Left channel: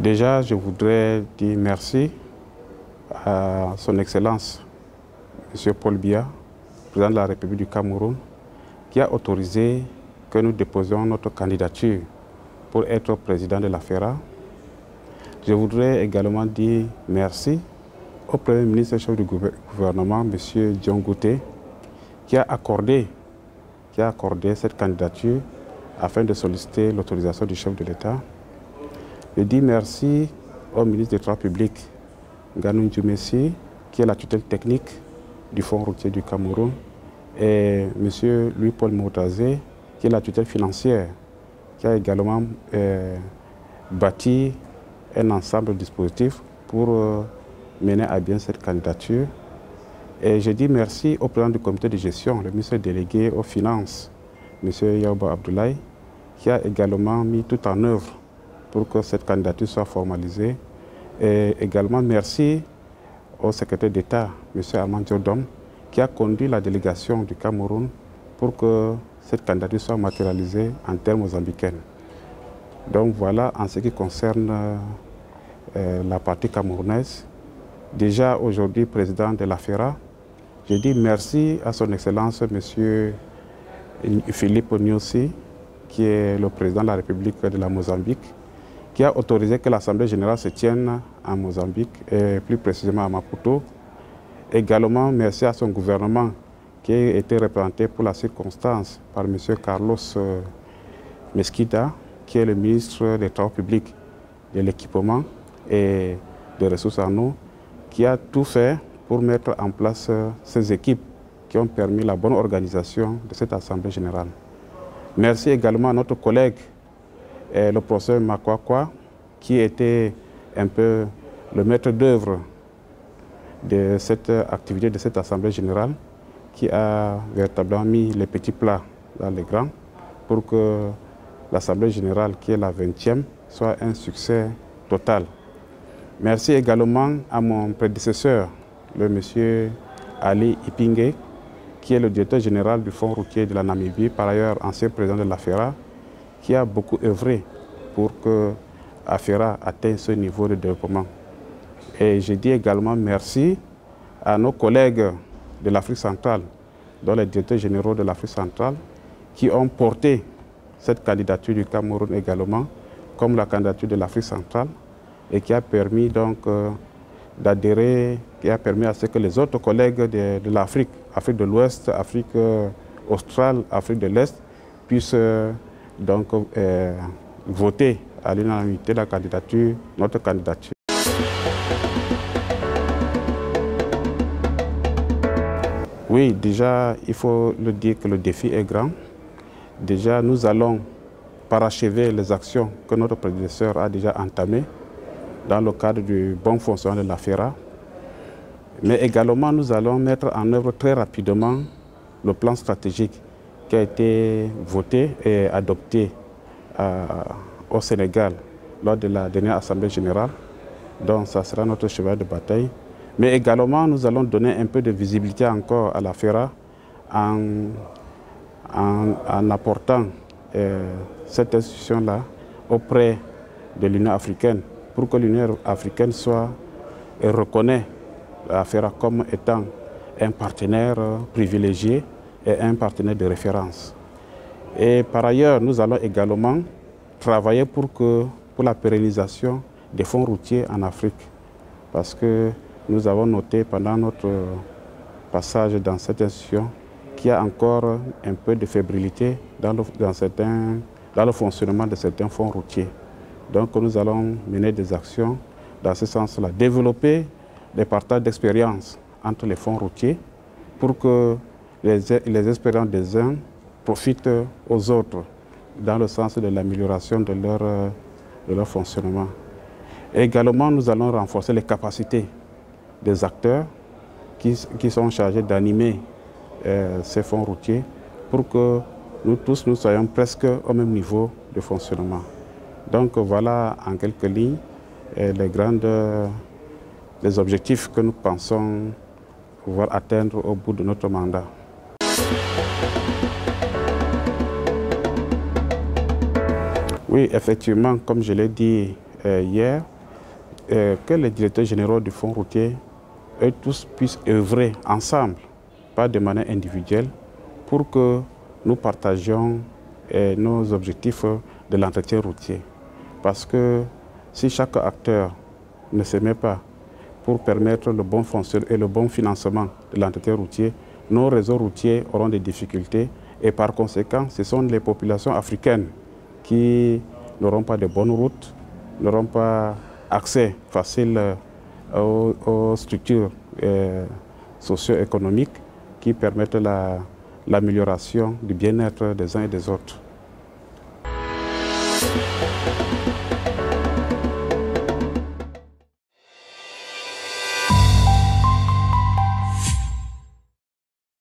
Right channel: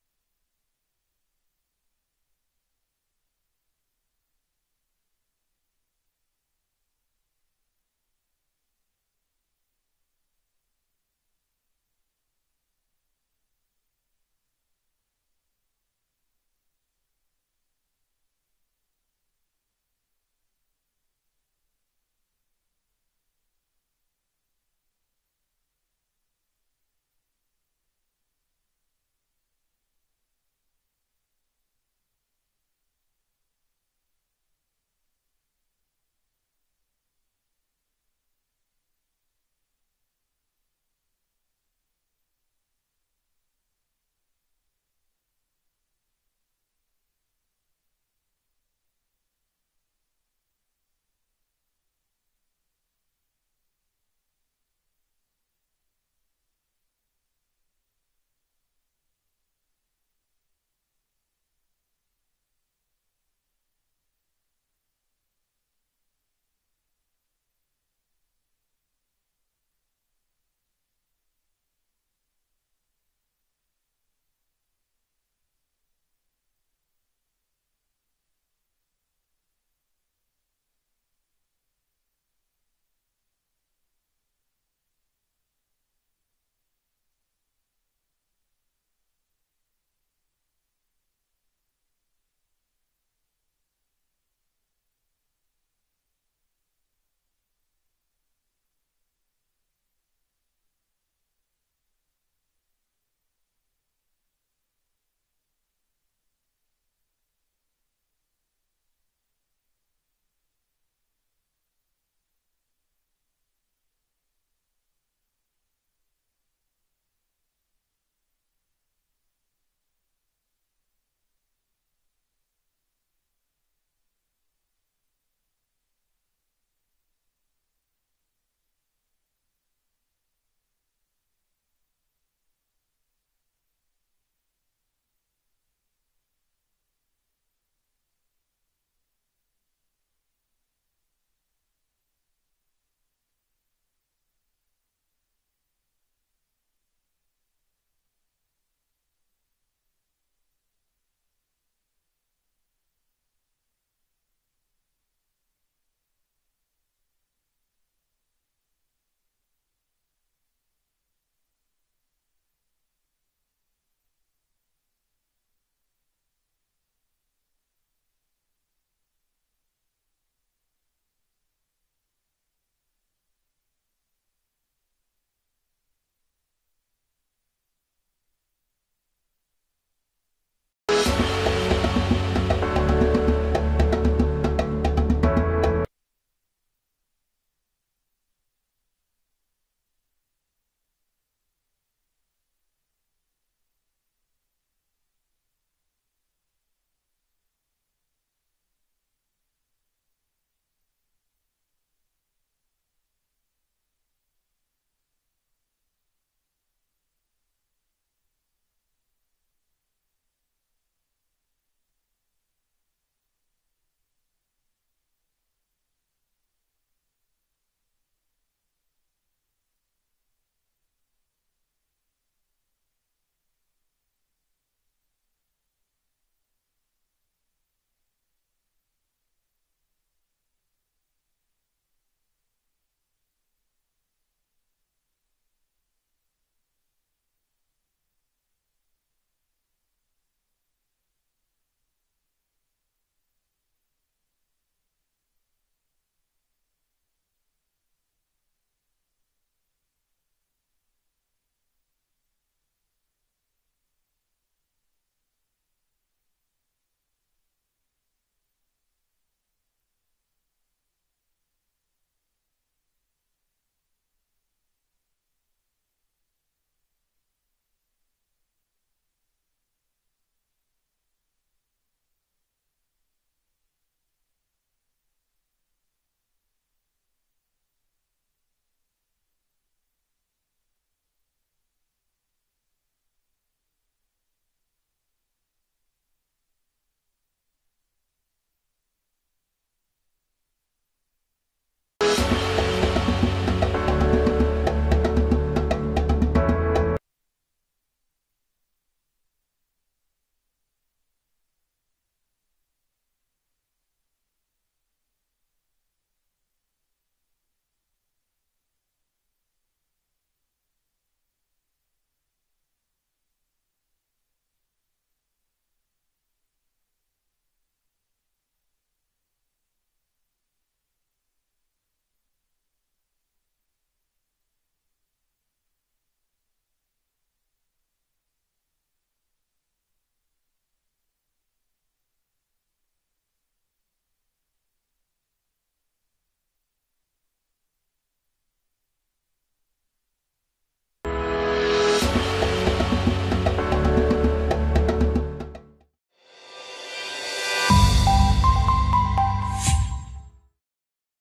Déjà, je voudrais dire merci à son Excellence, M. Paul Biya, président de la République du Cameroun, qui a autorisé que nous déposions notre candidature pour être président de la FERA. Je voudrais également dire merci au Premier ministre et chef du gouvernement, M. Dion Ngouté, qui a accordé cette candidature afin de solliciter l'autorisation du chef de l'État. Je dis merci au ministre des Travaux publics, Nganou Ndjoumessi, qui est la tutelle technique du Fonds routier du Cameroun, et M. Louis-Paul Moutazé, qui est la tutelle financière, qui a également bâti un ensemble de dispositifs pour mener à bien cette candidature. Et je dis merci au président du comité de gestion, le ministre délégué aux finances, M. Yaouba Abdoulaye, qui a également mis tout en œuvre pour que cette candidature soit formalisée. Et également merci au secrétaire d'État, M. Armand Diodom, qui a conduit la délégation du Cameroun pour que cette candidature soit matérialisée en termes mozambicains. Donc voilà, en ce qui concerne la partie camerounaise. Déjà aujourd'hui président de la FERA, je dis merci à son Excellence M. Philippe Nyusi, qui est le président de la République de la Mozambique, qui a autorisé que l'Assemblée générale se tienne en Mozambique, et plus précisément à Maputo. Également, merci à son gouvernement, qui a été représenté pour la circonstance par M. Carlos Mesquida, qui est le ministre des Travaux publics, de l'équipement et des ressources en eau, qui a tout fait pour mettre en place ces équipes qui ont permis la bonne organisation de cette Assemblée générale. Merci également à notre collègue, le professeur Makwakwa, qui était un peu le maître d'œuvre de cette activité de cette Assemblée générale, qui a véritablement mis les petits plats dans les grands pour que l'Assemblée générale, qui est la 20e, soit un succès total. Merci également à mon prédécesseur, le monsieur Ali Ipingue, qui est le directeur général du Fonds routier de la Namibie, par ailleurs ancien président de la FERA, qui a beaucoup œuvré pour que la FERA atteigne ce niveau de développement. Et je dis également merci à nos collègues de l'Afrique centrale, dont les directeurs généraux de l'Afrique centrale, qui ont porté cette candidature du Cameroun également, comme la candidature de l'Afrique centrale, et qui a permis donc d'adhérer, qui a permis à ce que les autres collègues de l'Afrique, Afrique de l'Ouest, Afrique australe, Afrique de l'Est, puissent donc voter à l'unanimité la candidature, notre candidature. Oui, déjà, il faut le dire que le défi est grand. Déjà, nous allons parachever les actions que notre prédécesseur a déjà entamées dans le cadre du bon fonctionnement de la FERA. Mais également, nous allons mettre en œuvre très rapidement le plan stratégique qui a été voté et adopté au Sénégal lors de la dernière Assemblée générale. Donc, ça sera notre cheval de bataille. Mais également, nous allons donner un peu de visibilité encore à la FERA en apportant cette institution-là auprès de l'Union africaine, pour que l'Union africaine soit et reconnaisse la FERA comme étant un partenaire privilégié et un partenaire de référence. Et par ailleurs, nous allons également travailler pour la pérennisation des fonds routiers en Afrique, parce que nous avons noté pendant notre passage dans cette institution qu'il y a encore un peu de fébrilité dans le fonctionnement de certains fonds routiers. Donc nous allons mener des actions dans ce sens-là, développer des partages d'expériences entre les fonds routiers pour que les expériences des uns profitent aux autres dans le sens de l'amélioration de leur fonctionnement. Et également, nous allons renforcer les capacités des acteurs qui sont chargés d'animer ces fonds routiers pour que nous tous nous soyons presque au même niveau de fonctionnement. Donc voilà en quelques lignes les objectifs que nous pensons pouvoir atteindre au bout de notre mandat. Oui, effectivement, comme je l'ai dit hier, que les directeurs généraux du fonds routier, eux tous, puissent œuvrer ensemble, pas de manière individuelle, pour que nous partagions nos objectifs de l'entretien routier. Parce que si chaque acteur ne se met pas pour permettre le bon fonctionnement et le bon financement de l'entretien routier, nos réseaux routiers auront des difficultés et par conséquent, ce sont les populations africaines qui n'auront pas de bonnes routes, n'auront pas accès facile aux structures socio-économiques qui permettent l'amélioration du bien-être des uns et des autres.